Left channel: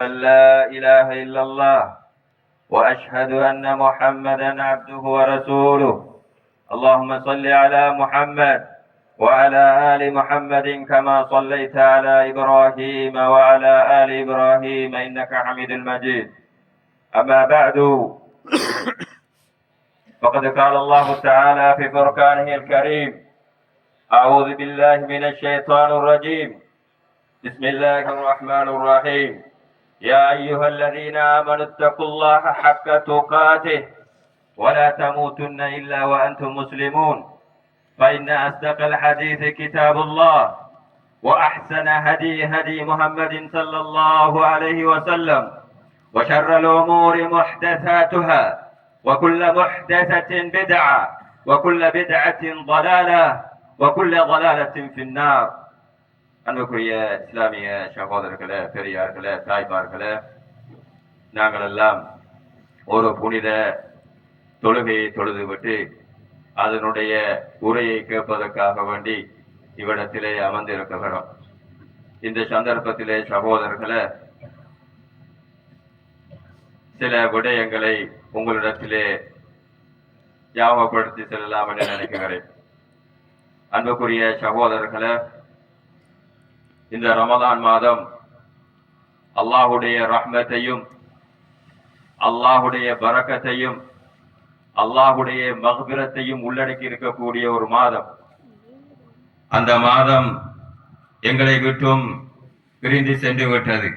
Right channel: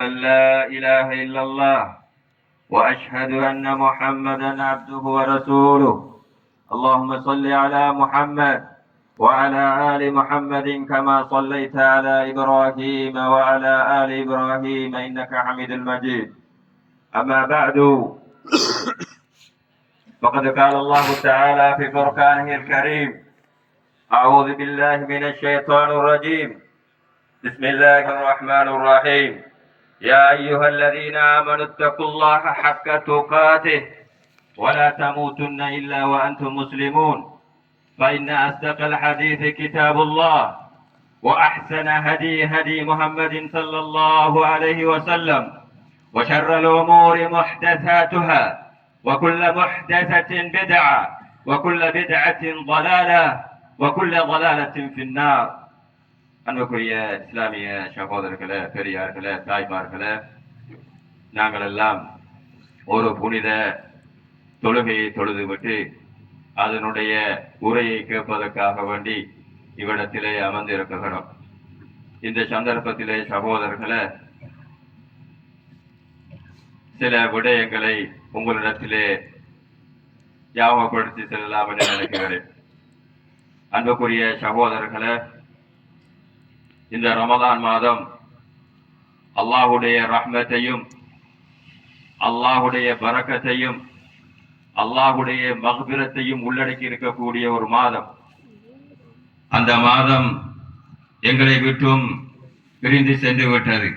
أن لا إله إلا الله وأشهد أن محمدا عبده ورسوله. اللهم صل على محمد وعلى آل محمد كما صليت على إبراهيم وعلى آل إبراهيم إنك حميد مجيد. أما بعد، فقد قال الله تعالى في فرقانه الكريم: أعوذ بالله من الشيطان الرجيم. بسم الله الرحمن الرحيم. يا أيها الذين آمنوا اتقوا الله حق تقاته ولا تموتن إلا وأنتم مسلمون، فإن أصدق الحديث كتاب الله، وأحسن هدي محمد صلى الله عليه وسلم، وشر الأمور محدثاتها، وكل محدثة بدعة، وكل بدعة ضلالة، وكل ضلالة في النار. அன்புக்குரிய இஸ்லாமிய சகோதரர்களே, பெரியார்களே, தாய்மார்களே, நாங்கள் எல்லாம் ஒரு புனித தொழுகையை தொழுதுவிட்டு அதனுடைய உரையை கேட்பதற்காக வேண்டி இவ்விடத்திலே அமர்ந்திருக்கிறோம். இந்த சந்தர்ப்பத்திலே சகோதரர்களே, சில விடயங்களை உங்களிடத்திலே ஞாபகப்படுத்தி செல்லலாம் என்று நினைக்கிறேன். அன்புக்குரிய சகோதரர்களே, இந்த ரமலான் மாதம் அல்லாஹுடைய ரஹ்மத்தையும் அல்லாஹுடைய பரக்கத்தையும் அல்லாஹுடைய மக்பிரத்தையும் உள்ளடக்கி இருக்கக்கூடிய ஒரு மாதம். அந்த மாதம் எங்களை விட்டும் பிரிந்து சென்று விட்டது.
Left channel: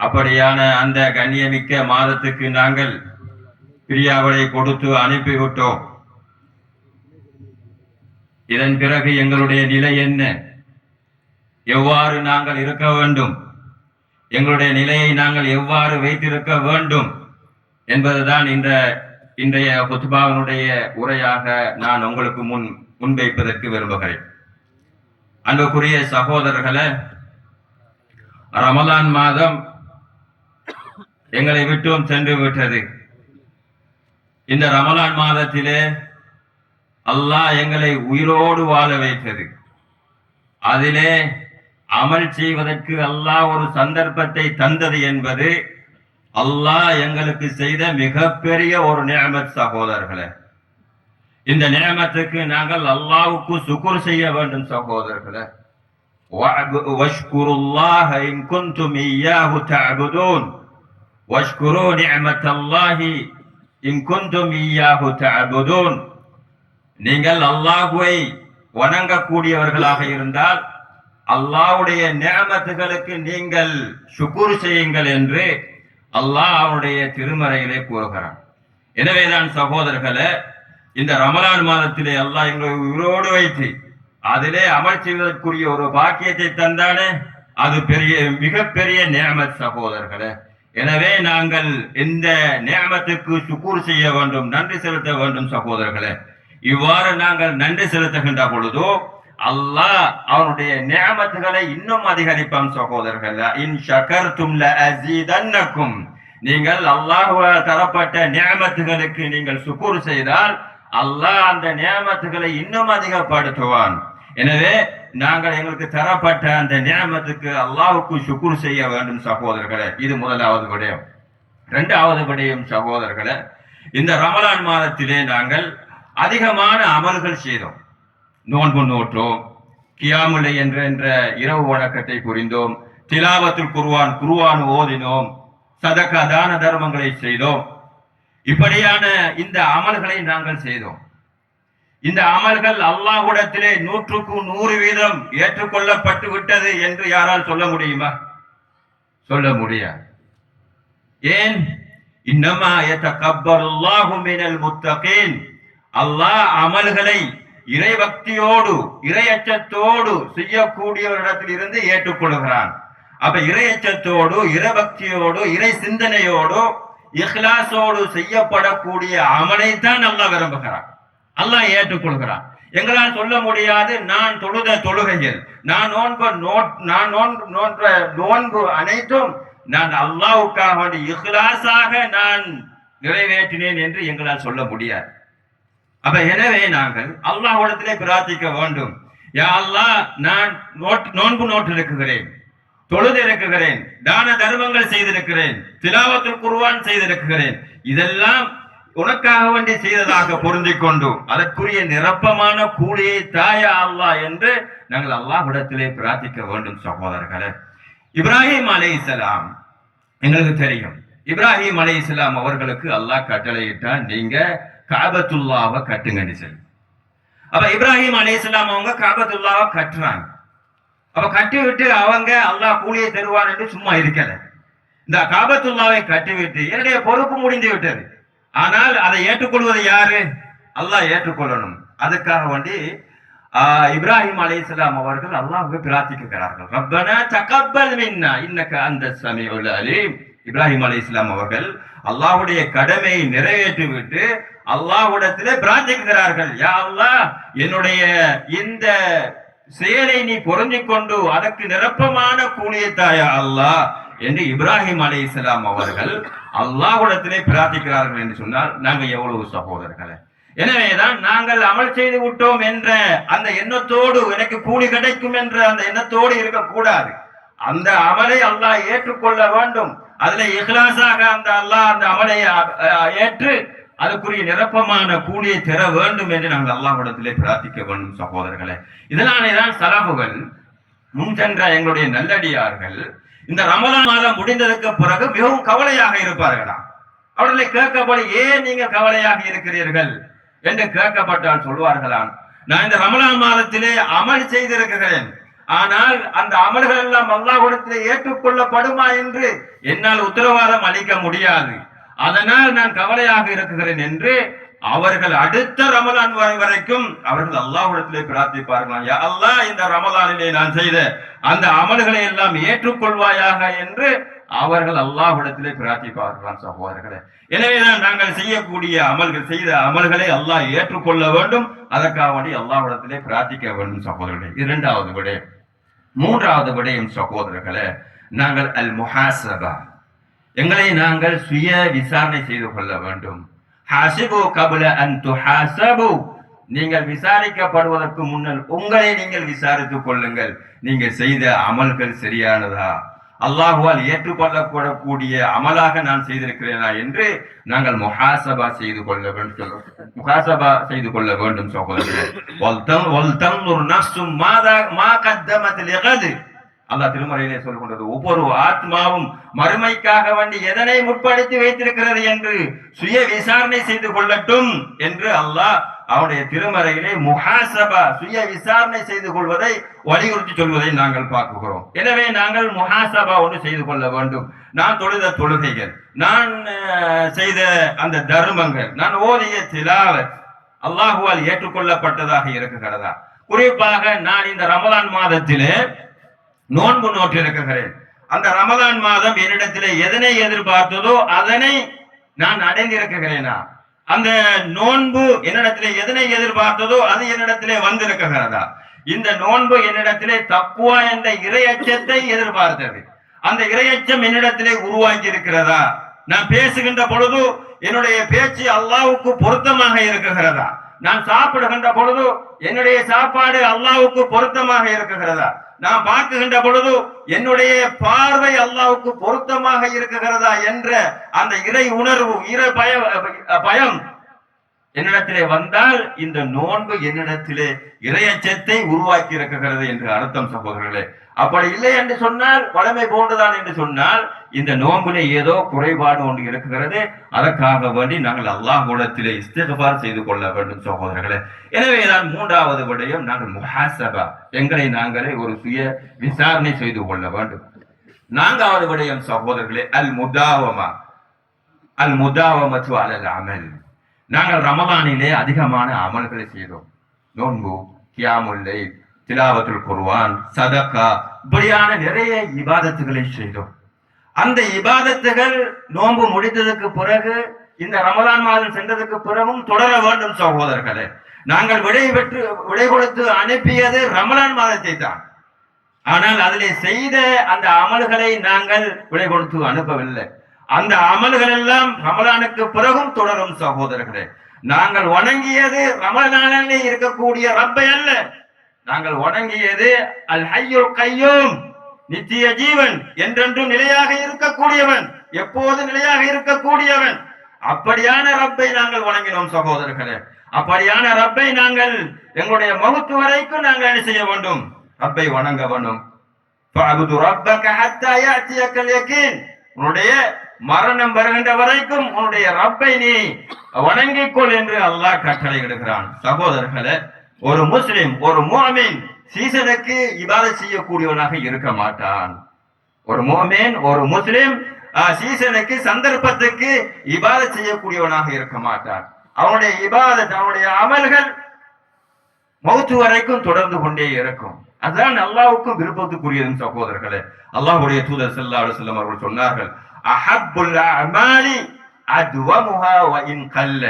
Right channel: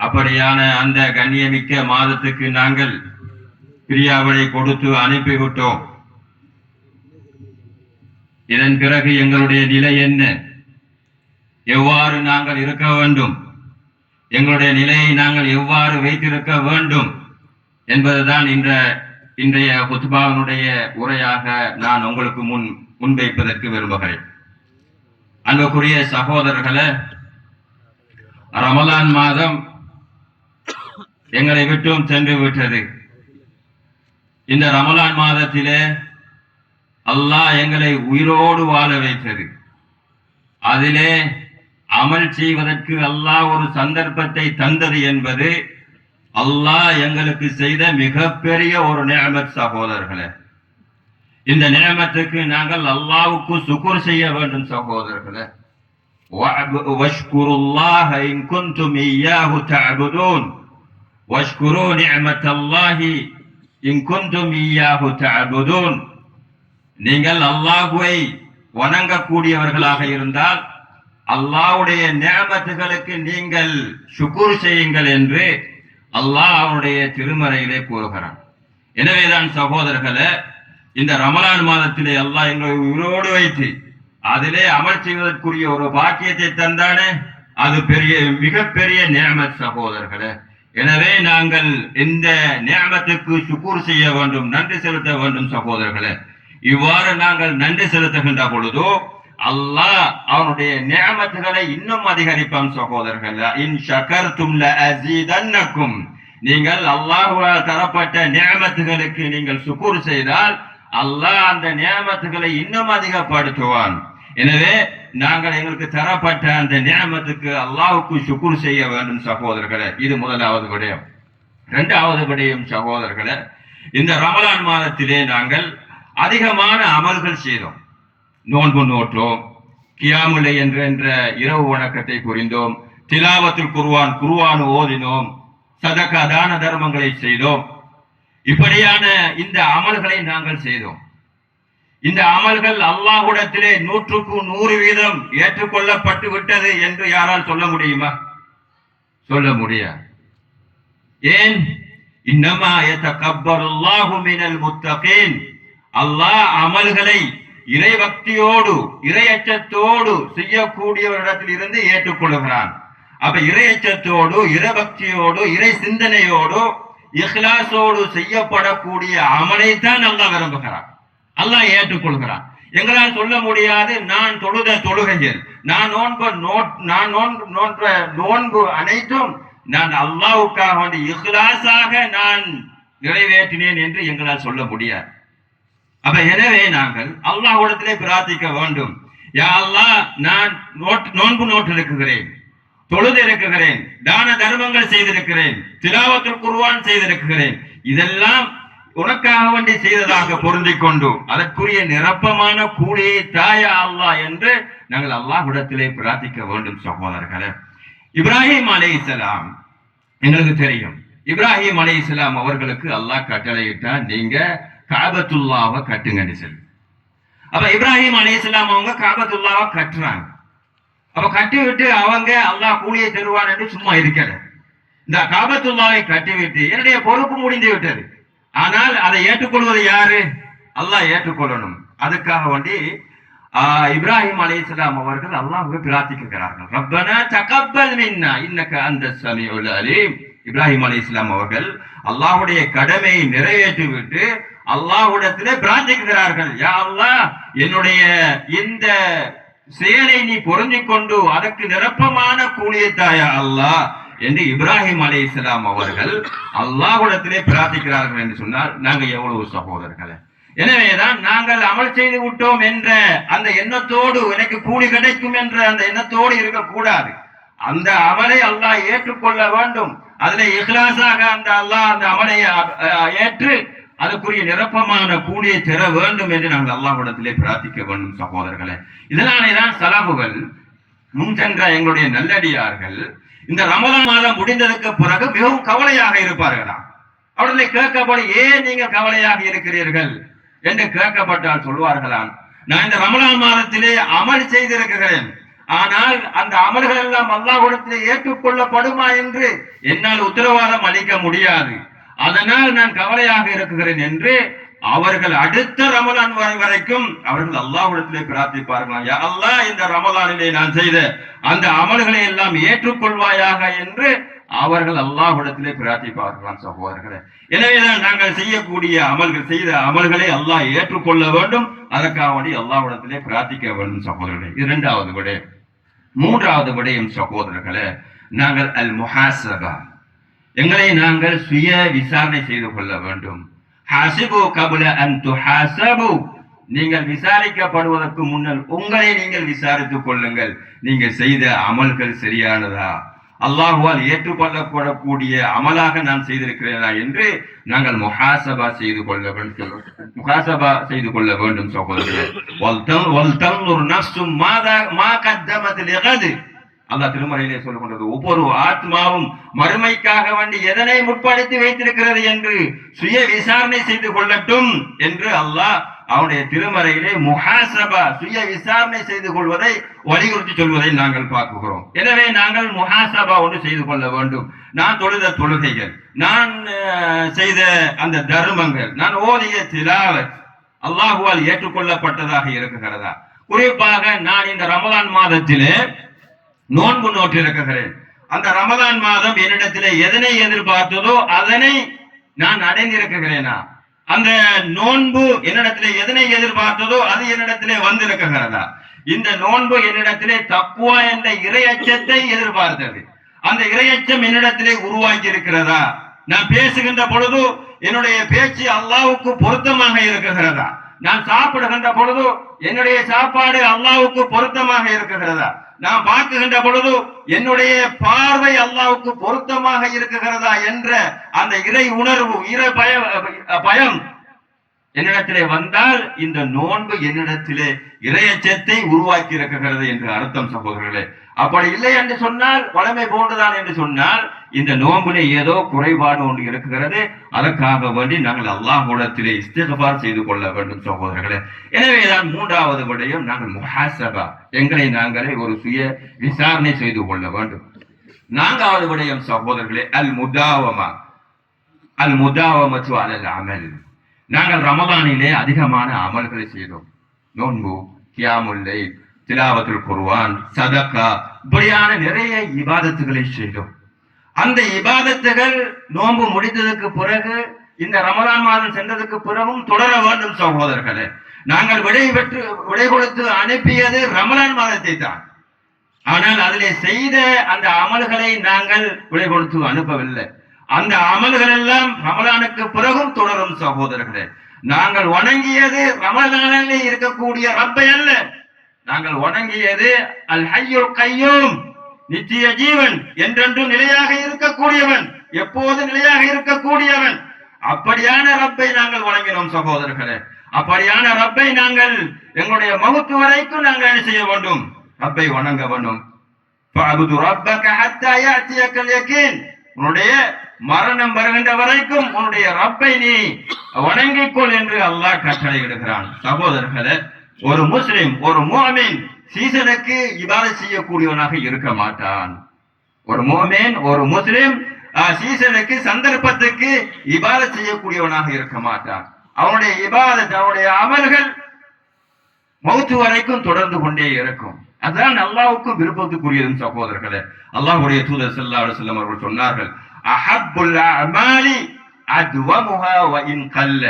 அப்படியான அந்த கண்ணியமிக்க மாதத்துக்கு நாங்கள் பிரியாவளை கொடுத்து அனுப்பிவிட்டோம். இதன் பிறகு எங்களுடைய நிலை என்ன, எவ்வாறு நாங்கள் இருக்க வேண்டும், எங்களுடைய நிலையை நாங்கள் எவ்வாறு வைத்திருக்க வேண்டும் என்பதுதான் இன்றைய குத்பாவினுடைய உரையாக நான் உங்களுக்கு முன்வைப்பதற்கு விரும்புகிறேன். அன்புக்குரிய சகோதரர்களே, ரமலான் மாதம் எங்களை விட்டும் சென்று விட்டது. இந்த ரமலான் மாதத்திலே அல்லாஹ் எங்களை உயிரோடு வாழ வைத்தது. அதிலே அமல் செய்வதற்கு அல்லாஹ் ஒரு சந்தர்ப்பத்தை தந்தது என்பது அல்லாஹ் எங்களுக்கு செய்த மிகப்பெரிய ஒரு நிஅமத் சகோதரர்களே. இந்த நிஅமத்துக்கு நாங்கள் அல்லாஹ்வுக்கு சுக்ர் செய்ய வேண்டும் சகோதரர்களே. வஷ்குருல்லாஹ இன் குன்தும் இய்யாஹு தஅபுதூன் வஷ்குரு நிஅமத்தல்லாஹி இன் குன்தும் இய்யாஹு தஅபுதூன். நீங்கள் அல்லாஹ்வை வணங்கக்கூடியவர்களாக இருந்தால் அல்லாஹ்வுடைய நிஅமத்துகளுக்கு நீங்கள் ஷுக்ர் செய்யுங்கள் என்று அல்லாஹ் அவனுடைய திருமறையிலே கூறுகிறான். எனவேதான் சகோதரர்களே, இந்த ரமலான் மாதத்திலே அல்லாஹ் எங்களை உயிரோடு வைத்து அதிலே அமல் செய்வதற்குரிய ஒரு பாக்கியத்தை தந்தானே, அது மிகப்பெரிய நிஅமத் சகோதரர்களே. எனவே நாங்கள் இந்த நிஅமத்துக்கு ஷுக்ர் செய்ய வேண்டும், நன்றி செலுத்த வேண்டும் சகோதரர்களே. இவ்வாறு நாங்கள் நன்றி செலுத்துகின்ற பொழுதோ அல்லாஹ் அவனுடைய நிஅமத்துகளை இன்னும் அதிகரிப்பான் சகோதரர்களே. இன் ஷகர்தும் லஅஸீதன்னக்கும். நீங்கள் அல்லாஹ்வால் தரப்பட்ட நிஅமத்துகளுக்கு நீங்கள் சுக்ர் செய்தால் அல்லாஹ் அந்த நிஅமத்துகளை இன்னும் அதிகப்படுத்துவான். எனவே நாங்கள் எங்களுக்கு தரப்பட்ட அந்த நிஅமத்துக்கு அல்லாஹ்வுக்கு சுக்ர் செய்ய வேண்டும் சகோதரர்களே. இது முதலாவது விடயம். இரண்டாவது விடயம் சகோதரர்களே, இந்த ரமலான் மாதத்திலே நாங்கள் அதிகமான அமல்கள் செய்தோம். நோன்பு நோற்றோம், கியாமுல் லைல் என்ற இரவு வணக்கத்தை புரிந்தோம், திலாவத்துல் குர்ஆன் ஓதினோம், சதகா தான தர்மங்களை செய்தோம். இப்படியான இந்த அமல்களை நாங்கள் செய்தோம். இந்த அமல்கள் அல்லாஹ்விடத்திலே 100% ஏற்றுக்கொள்ளப்பட்டு விட்டது என்று யாரால் சொல்ல முடியுமா? சொல்ல முடியாது. ஏன்? இன்னமா யதகப்பருல்லாஹு மினல் முத்தகீன். அல்லாஹ் அமல்களை இறைபக்தியோடு இறையச்சத்தோடு செய்யக்கூடியவரிடத்தில் இருந்து ஏற்றுக்கொள்கிறான். அப்ப இறையச்சத்தோடு இறைபக்தியோடு இறை சிந்தனையோடு இஹ்லாஸோடு செய்யப்படக்கூடிய அமலைத்தான் அல்லாஹ் விரும்புகிறான், அல்லாஹ் ஏற்றுக்கொள்கிறான். எங்களால் சொல்ல முடியாது, நான் தொழுத தொழுகையில் நான் நோன்பு நோன்பு அனைத்தும் நான் அல்லாஹ்வுக்காக வேண்டி இஹ்லாஸாக நான் நிறைவேற்றினேன் என்று எங்களால் சொல்ல முடியாது. அப்ப எனவே நாங்கள் அல்லாஹ்விடத்திலே பிரார்த்திக்க வேண்டும். யா அல்லாஹ், நான் நோன்பு நோட்டு இருக்கிறேன், தொழுது இருக்கிறேன், தான தர்மங்கள் செய்திருக்கிறேன், திலாவத்துல் குர்ஆன் செய்திருக்கிறேன், இதெல்லாம் உனக்காக வேண்டி செய்ததாக பொருந்திக் கொண்டு அதற்குரிய நிரப்பமான கூலியை தாயா அல்லாஹ் என்று நாங்கள் அல்லாஹ்விடத்திலே பிரார்த்திக்க வேண்டும் சகோதரர்களே. இப்ராஹிம் அலைஹிஸ்ஸலாம் எங்களுக்கு தெரியும். இப்ராஹிம் அலைஹிஸ்ஸலாம் அவர்களுக்கு அல்லாஹ் கட்டளையிட்டான், நீங்க காபத்துல்லாவை கட்டுங்கன்னு சொல்லி. அப்ப இப்ராஹிம் அலைஹிஸ்ஸலாம் அவங்க காபத்துல்லாவை கட்டுறாங்க. அப்ப கட்டி விட்டு அவங்க அல்லாஹ் கூலியை தருவான் என்று சும்மா இருக்கிற இந்த காபத்துல்லாவை கட்டிவிட்டு என்னுடைய பொறுப்பு முடிந்து விட்டது. ஆனால் அதை ஏற்றுக்கொள்வது யாரு? அல்லாஹ் ஏற்றுக்கொள்ளணும். அதுக்காக வேண்டி இப்ராஹிம் அலைஹிஸ்ஸலாம் அவர்கள் அல்லாஹ்வை பிரார்த்திக்கிறார்கள். ரப்பனா தகப்பல் மின்னா இன்னக அன்த ஸமீஉல் அலீம். இப்ராஹிம் அலைஹிஸ்ஸலாம் அவர்கள் அல்லாஹ்வுடைய கடமையை நிறைவேற்றிவிட்டு அல்லாஹ்விடத்திலே பிரார்த்திக்கிறார்கள், யா அல்லாஹ் என்னுடைய இந்த செயலை நீ பொருந்திக் கொண்டு அதற்கு நிரப்பமான கூலியை தாயா அல்லாஹ் என்று இப்ராஹிம் அலைஹிஸ்ஸலாம் அவர்கள் அல்லாஹ்விடத்திலே பிரார்த்திக்கிறார்கள் என்று சொன்னால் நாங்கள் எவ்வளவு சகோதரர்களே. எனவேதான் நாங்கள் அமல் செய்து விட்டோம் என்ற அந்த எண்ணத்தோடு எனக்கு கூலி கிடைக்கும் என்ற அந்த எண்ணத்தோடு இருக்கக்கூடாது. அந்த அமலை அல்லாஹ் ஏற்றுக்கொள்ள வேண்டும். அதிலே இஹ்லாஸாக அந்த அல்லாஹ் அந்த அமலை ஏற்று அதுக்குரிய நிரப்பமான கூலியை தர வேண்டும் என்று நாங்கள் அல்லாஹ்விடத்திலே பிரார்த்திக்க வேண்டும் சகோதரர்களே. இதனாலேதான் சலாபுகள் முன் சென்ற எங்களுடைய நல்லடியார்கள் இந்த ரமலான் மாதம் முடிந்ததற்கு பிறகு மிகவும் கவலையாக இருப்பார்களாம். அவர்களை கேட்கப்படும், ஏன் நீங்கள் கவலையாக இருக்கிறீர்கள் என்று கேட்கப்பட்டால் சொல்வார்களாம், நான் இந்த ரமலான் மாதத்திலே அமல் செய்திருக்கிறேன், ஆனால் அந்த அமல்கள் எல்லாம் அல்லாஹ்விடத்திலே ஏற்றுக்கொள்ளப்படுமா என்று என்னால் உத்தரவாதம் அளிக்க முடியாது, அதனால் நான் கவலையாக இருக்கிறேன் என்று அவர்கள் அடுத்த ரமலான் வரைக்கும் அவர்கள் அல்லாஹ்விடத்திலே பிரார்த்திப்பார்களாம், யா அல்லாஹ் இந்த ரமலானிலே நான் செய்த அந்த அமல்களை எல்லாம் ஏற்றுக்கொள்வாயாக என்று அவர்கள் அல்லாஹ்விடத்திலே பிரார்த்திப்பார்களாம் சகோதரர்களே. எனவேதான் நாங்கள் செய்யக்கூடிய அமல்கள் செய்த அமல்களை அல்லாஹ் ஏற்றுக்கொள்ள வேண்டும். அதற்காக வேண்டி அல்லாஹ்விடத்திலே பிரார்த்திக்க வேண்டும் சகோதரர்களே. இரண்டாவது விடயம். மூன்றாவது விடயம் சகோதரர்களே, நாங்கள் அல் முஹாசபா, எங்களை நாங்கள் சுய விசாரணை செய்து கொள்ள வேண்டும். ஹாசிபு கபுல அன் துஹாசபு, நீங்கள் விசாரிக்கப்படுவதற்கு முன்னால் உங்களை நீங்கள் விசாரித்துக் கொள்ளுங்கள். நீங்கள் செய்த அமல்கள் சரியானதா, அல்லாஹ்வால் ஏற்றுக்கொள்ளப்படக்கூடிய அமலாக நான் செய்திருக்கிறேனா என்று நாங்கள் முஹாசபா செய்து கொள்ள வேண்டும். முஹாசபா செய்து கொள்ள வேண்டும் சகோதரர்களே. அல்லாஹ் திருமறையிலே சொல்லுகின்றது, ஒவ்வொரு ஆத்மாவும் மறுமைக்காக வேண்டி எதனை முற்படுத்தி வைத்திருக்கிறது என்று சுய விசாரணை செய்து கொள்ளட்டும் என்று அல்லாஹ் அவனுடைய திருமறையிலே முஹாசபா சுய விசாரணை செய்து கொள்வதை வலியுறுத்தி சொல்வதை நாங்கள் பார்க்கிறோம். எனவே நாங்கள் முஹாசபா ஒன்று செய்து கொள்ள வேண்டும். நான் தொழுத தொழுகைகள், நான் செய்த அந்த தர்மங்கள், நான் ஓதிய திலாவத் அல்லாஹுவால் ஏற்றுக்கொள்ளப்பட்டதாக இருக்குகிறதா? குறிப்பாக நான் இந்த ரமலான் மாதத்திலே நோன்பு நோற்றிருக்கிறேன். அந்த ரமலான் மாதம் என்னிடத்திலே எதனை எதிர்பார்த்ததோ அதனை நான் அடைந்திருக்கிறேனா? அந்த நோன்பு என்னிடத்திலே எதனை எதிர்பார்த்ததோ அது என்னிடத்திலே வந்திருக்கிறதா? இந்த நோன்பு என்னிடத்திலே தக்குவா என்ற இறையச்சத்தை எதிர்பார்த்தது. அந்த இறையச்சம் என்னிடத்திலே உருவாக்கி இருக்கிறதா? நான் பேசுகின்ற பொழுது என்னுடைய பேச்சு அல்லாஹ்வுக்கு பொருத்தமாக இருக்குகிறதா? நான் சாப்பிடுகின்ற பொழுது என்னுடைய சாப்பாடு அல்லாஹ்வுக்கு பொருத்தமாக இருக்குகிறதா? நான் பார்க்குகின்ற பொழுது என்னுடைய பார்வை அல்லாஹ்வுக்கு பொருத்தமாக இருக்குகிறதா என்ற அந்த இறை உணர்வு, இறை பயம் என்னிடத்திலே வந்தால் இந்த நோன்பு என்னிடத்திலே இறையச்சத்தை உருவாக்கி இருக்கிறது என்று அர்த்தம் சகோதரர்களே. அப்படி இல்லை என்று சொன்னால், வளமை போன்றுதான் என்று சொன்னால், இந்த நோம்பிலே ஏதோ குறைபாடு ஒன்று இருக்கிறது. அதற்காக வேண்டி நாங்கள் அல்லாஹ்விடத்திலே இஸ்திக்ஃபார் செய்து கொள்ள வேண்டும் சகோதரர்களே. எனவேதான் மூன்றாவது விடயம், நாங்கள் முஹாசபா, எங்களை நாங்களே ஒரு சுய விசாரணை செய்து கொள்ள வேண்டும். நான்காவது விடயம் சகோதரர்களே, அல் முதாவமா, அல் முதாவமத்து அலல் அமல். நாங்கள் ரமலானிலே அதிகமான அமல்களை செய்தோம். நோன்பு, கியாமுல் லைல், திலாவத்துல் குர்ஆன், சதகா, இப்படியான நிறைய இபாதத்துகளை செய்தோம். அந்த இபாதத்துகள் நோன்பு முடித்ததுக்கு பிறகு, இந்த ரமலான் மாதம் சென்றதுக்கு பிறகும் தொடர வேண்டும் சகோதரர்களே. நாங்கள் விடை கொடுத்து அனுப்பியது ரமலான் மாதத்தை தான். ஆனால் அதிலே செய்த அந்த அமல்களை நாங்கள் விடை கொடுத்து அனுப்பவில்லை. அந்த அமல்கள் எல்லாம் ரமலானுக்கு பிறகும் தொடரும் சகோதரர்களே. நாங்கள் வணங்கியது ரமலானிலே இருக்கக்கூடிய ரப்பை அல்ல, நாங்கள் வணங்கியது அல் ஹய்யுல் கய்யூம், நித்திய ஜீவன், என்றென்றும் நிலையாக இருக்கக்கூடியவன், எப்போது நிலையாக இருக்கக்கூடியவன். அப்படியான ரப்பை நாங்கள் வணங்கினோம் சகோதரர்களே. அப்படியான ரப்பை நாங்கள் எங்களுடைய மௌத்து வரைக்கும் நாங்கள் என்ன செய்ய வேண்டும்? ரப்பை வணங்க வேண்டும். உன்னுடைய மரணம் வருகின்ற வரைக்கும் உன்னுடைய ரப்பை நீ வணங்கிக்கொள் என்று அல்லாஹ் கட்டளையிடுகிறான். சகோதரர்களே, ஒரு முஸ்லிம், ஒரு முஃமின் சீசனுக்கு இபாதத் செய்யக்கூடியவனாக இருக்க மாட்டான். ஒரு முஃமின், ஒரு முஸ்லிம் சீசனுக்கு, சந்தர்ப்பத்துக்கு இபாதத் செய்யக்கூடியவனாக இருக்க மாட்டான். அவனுடைய இபாதத், அவனுடைய அமல்கள் மௌத்து வரைக்கும் தொடர்ந்து கொண்டே இருக்கும். அதுதான் அல்லாஹ்வுக்கு விருப்பத்துக்குரியது சகோதரர்களே. அல்லாஹ்வுடைய தூதர் ஸல்லல்லாஹு அலைஹி வஸல்லம் அவர்கள் சொன்னார்கள், அஹப்புல் அமாலி அத்வமுஹா வ இன் கல்ல.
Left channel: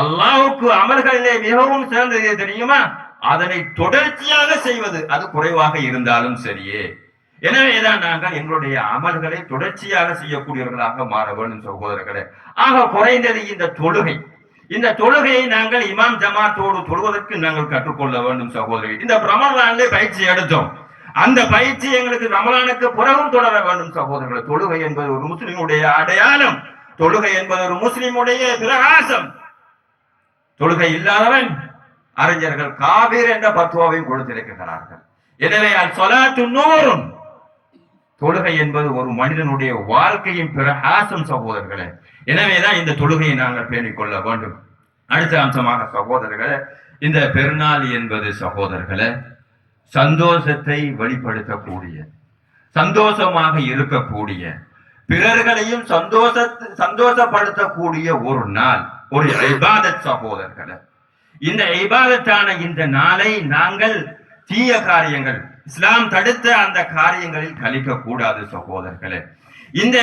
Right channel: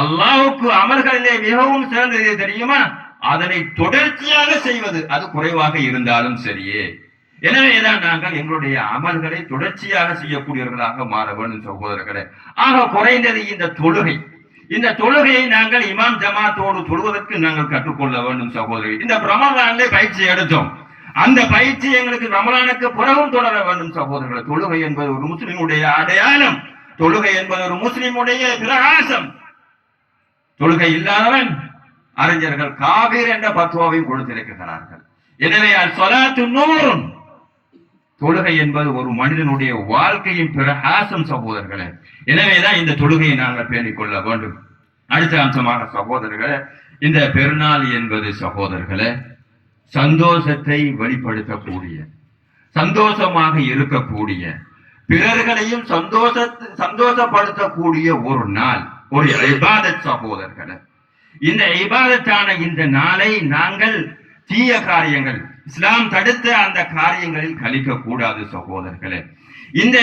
அல்லாஹ்வுக்கு அமல்களிலே மிகவும் சிறந்தது தெரியுமா? அதனை தொடர்ச்சியாக செய்வது, அது குறைவாக இருந்தாலும் சரியே. எனவேதான் நாங்கள் எங்களுடைய அமல்களை தொடர்ச்சியாக செய்யக்கூடியவர்களாக மாற வேண்டும் சகோதரர்களே. ஆக குறைந்தது இந்த தொழுகை, இந்த தொழுகையை நாங்கள் இமாம் ஜமாத்தோடு தொழுவதற்கு நாங்கள் கற்றுக்கொள்ள வேண்டும் சகோதரர்கள். இந்த ரமலானிலே பயிற்சி எடுத்தோம். அந்த பயிற்சி எங்களுக்கு ரமலானுக்கு பிறகும் தொடர வேண்டும் சகோதரர்கள். தொழுகை என்பது ஒரு முஸ்லிமுடைய அடையாளம், தொழுகை என்பது ஒரு முஸ்லிமுடைய பிரகாசம். தொழுகை இல்லாதவன் அறிஞர்கள் காபீர் என்ற பத்வாவையும் கொடுத்திருக்கிறார்கள். எனவே அல்-ஸலாத்து நூருன், தொழுகை என்பது ஒரு மனிதனுடைய வாழ்க்கையின் பிரகாசம் சகோதரர்களே. எனவேதான் இந்த தொழுகையை நாங்கள் பேணிக் கொள்ள வேண்டும். அடுத்த அம்சமாக சகோதரர்களே, இந்த பெருநாள் என்பது சகோதரர்களே சந்தோஷத்தை வெளிப்படுத்தக்கூடிய, சந்தோஷமாக இருக்கக்கூடிய, பிறர்களையும் சந்தோஷப்படுத்தக்கூடிய ஒரு நாள், ஒரு இபாதத் சகோதரர்களே. இந்த இபாதத்தான இந்த நாளை நாங்கள் தீய காரியங்கள், இஸ்லாம் தடுத்த அந்த காரியங்களில் கழிக்க கூடாது சகோதரர்களே. இந்த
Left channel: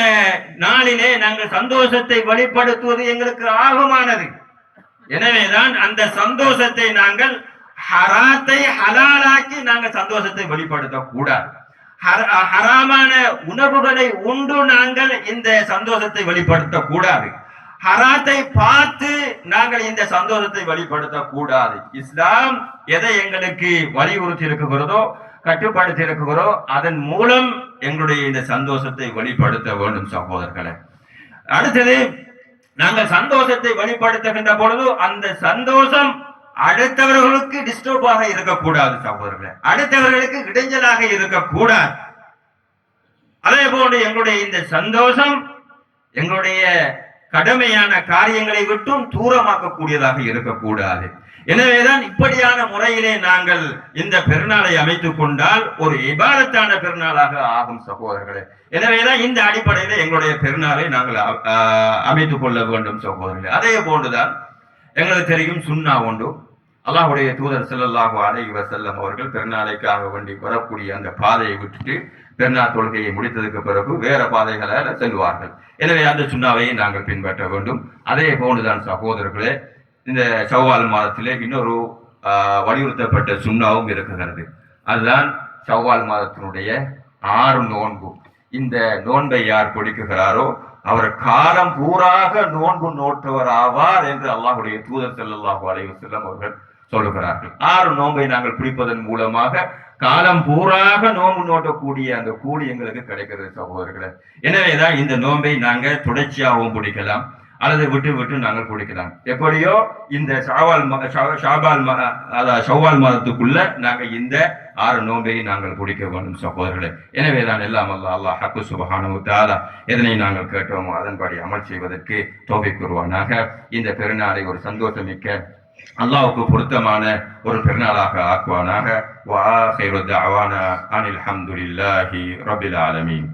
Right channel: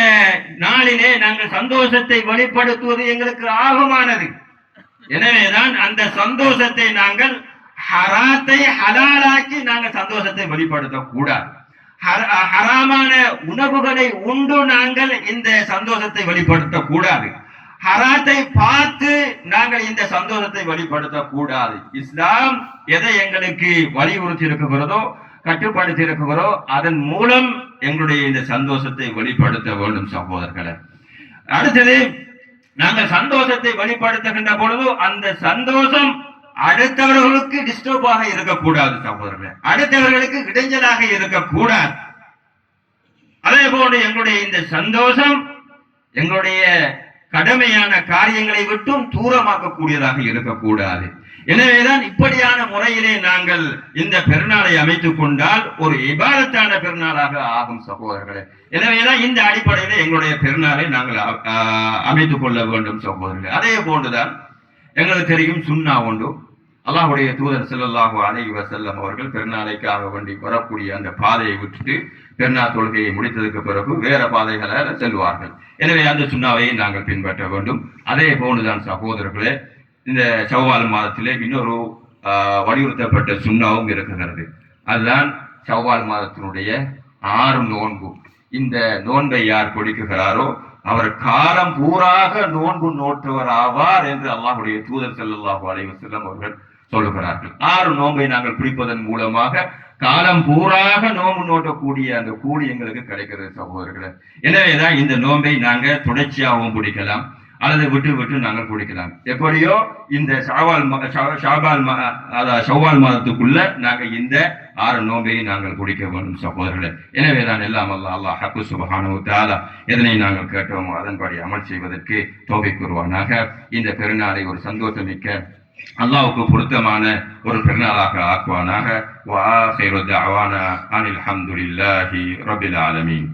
நாளிலே நாங்கள் சந்தோஷத்தை வெளிப்படுத்துவது எங்களுக்கு ஆகுமானது. எனவேதான் அந்த சந்தோஷத்தை நாங்கள் ஹராத்தை ஹலாலாக்கி நாங்கள் சந்தோஷத்தை வெளிப்படுத்த கூடாது. ஹராமான உணவுகளை உண்டு நாங்கள் இந்த சந்தோஷத்தை வெளிப்படுத்த கூடாது. ஹராத்தை பார்த்து நாங்கள் இந்த சந்தோஷத்தை வெளிப்படுத்த கூடாது. இஸ்லாம் எதை எங்களுக்கு வலியுறுத்தி இருக்குகிறதோ, கட்டுப்படுத்தி இருக்குகிறோ, அதன் மூலம் எங்களுடைய இந்த சந்தோஷத்தை வெளிப்படுத்த வேண்டும் சகோதரர்களே. அடுத்தது, நாங்கள் சந்தோஷத்தை வெளிப்படுத்துகின்ற பொழுது அந்த சந்தோஷம் அடுத்தவர்களுக்கு டிஸ்டர்பாக இருக்கக்கூடாது சகோதரர்களே, அடுத்தவர்களுக்கு இடைஞ்சலாக இருக்கக்கூடாது. அதே போன்று எங்களுடைய இந்த சந்தோஷம் எங்களுடைய கடமையான காரியங்களை விட்டும் தூரமாக்கக்கூடியதாக இருக்கக்கூடாது. எனவேதான் இப்படியான முறையிலே நாங்கள் இந்த பெருநாளை அமைத்துக் கொண்டால் ஒரு இபாதத்தான பெருநாளாக ஆகும் சகோதரர்களே. எனவேதான் இந்த அடிப்படையில எங்களுடைய பெருநாளை நாங்கள் அமைத்துக் கொள்ள வேண்டும் சகோதரர்களே. அதே போன்றுதான் எங்களுக்கு தெரியும் சுன்னா உண்டு. அல்லாஹ்வுடைய தூதர் ஸல்லல்லாஹு அலைஹி வஸல்லம் அவர்கள் பெருநாளைக்காக வேண்டி வரக்கூடிய அந்த பாதையை விட்டுட்டு பெருநாள் தொழுகையை முடித்ததுக்கு பிறகு வேற பாதைகளை செல்வார்கள். எனவே அந்த சுன்னாவை நாங்கள் பின்பற்ற வேண்டும். அதே போன்றுதான் சகோதரர்களே, இந்த ஷவ்வால் மாதத்திலே இன்னொரு வலியுறுத்தப்பட்ட சுன்னாவும் இருக்கிறது. அதுதான் ஷவ்வால் மாதத்தினுடைய 6 நோன்பு. இந்த நோன்பை யார் பிடிக்குகிறாரோ அவர் காலம் பூராக நோன்பு நோட்டவர் ஆவார் என்று அல்லாஹ்வுடைய தூதர் ஸல்லல்லாஹு அலைஹி வஸல்லம் அவர்கள் சொல்லுகிறார்கள். 6 நோன்பை நாங்கள் பிடிப்பதன் மூலமாக காலம் பூராக நோன்பு நோட்டக்கூடிய அந்த கூலி எங்களுக்கு கிடைக்கிறது சகோதரர்களே. எனவேதான் இந்த நோன்பை நாங்கள் தொடர்ச்சியாகவும் பிடிக்கலாம் அல்லது விட்டு விட்டு நாங்கள் பிடிக்கலாம். எப்படியோ இந்த ஷவ்வால் மாதத்துக்குள்ள நாங்கள் இந்த 6 நோன்பை நாங்கள் பிடிக்க வேண்டும் சகோதரர்களே. எனவேதான் எல்லாம் அல்லாஹ் ஹக்கு சுப்ஹானஹு வ தஆலா எதனை நாங்கள் கேட்டோமோ அதன்படி அமல் செய்வதற்கு தௌஃபீக் கூறுவானாக. இந்த பெருநாளை ஒரு சந்தோஷமிக்க, அல்லாஹ்வுக்கு பொருத்தமான ஒரு பெருநாளாக ஆக்குவானாக. வ ஆகிரு தஅவானா அனில் ஹம்துலில்லாஹி ரப்பில் ஆலமீன்.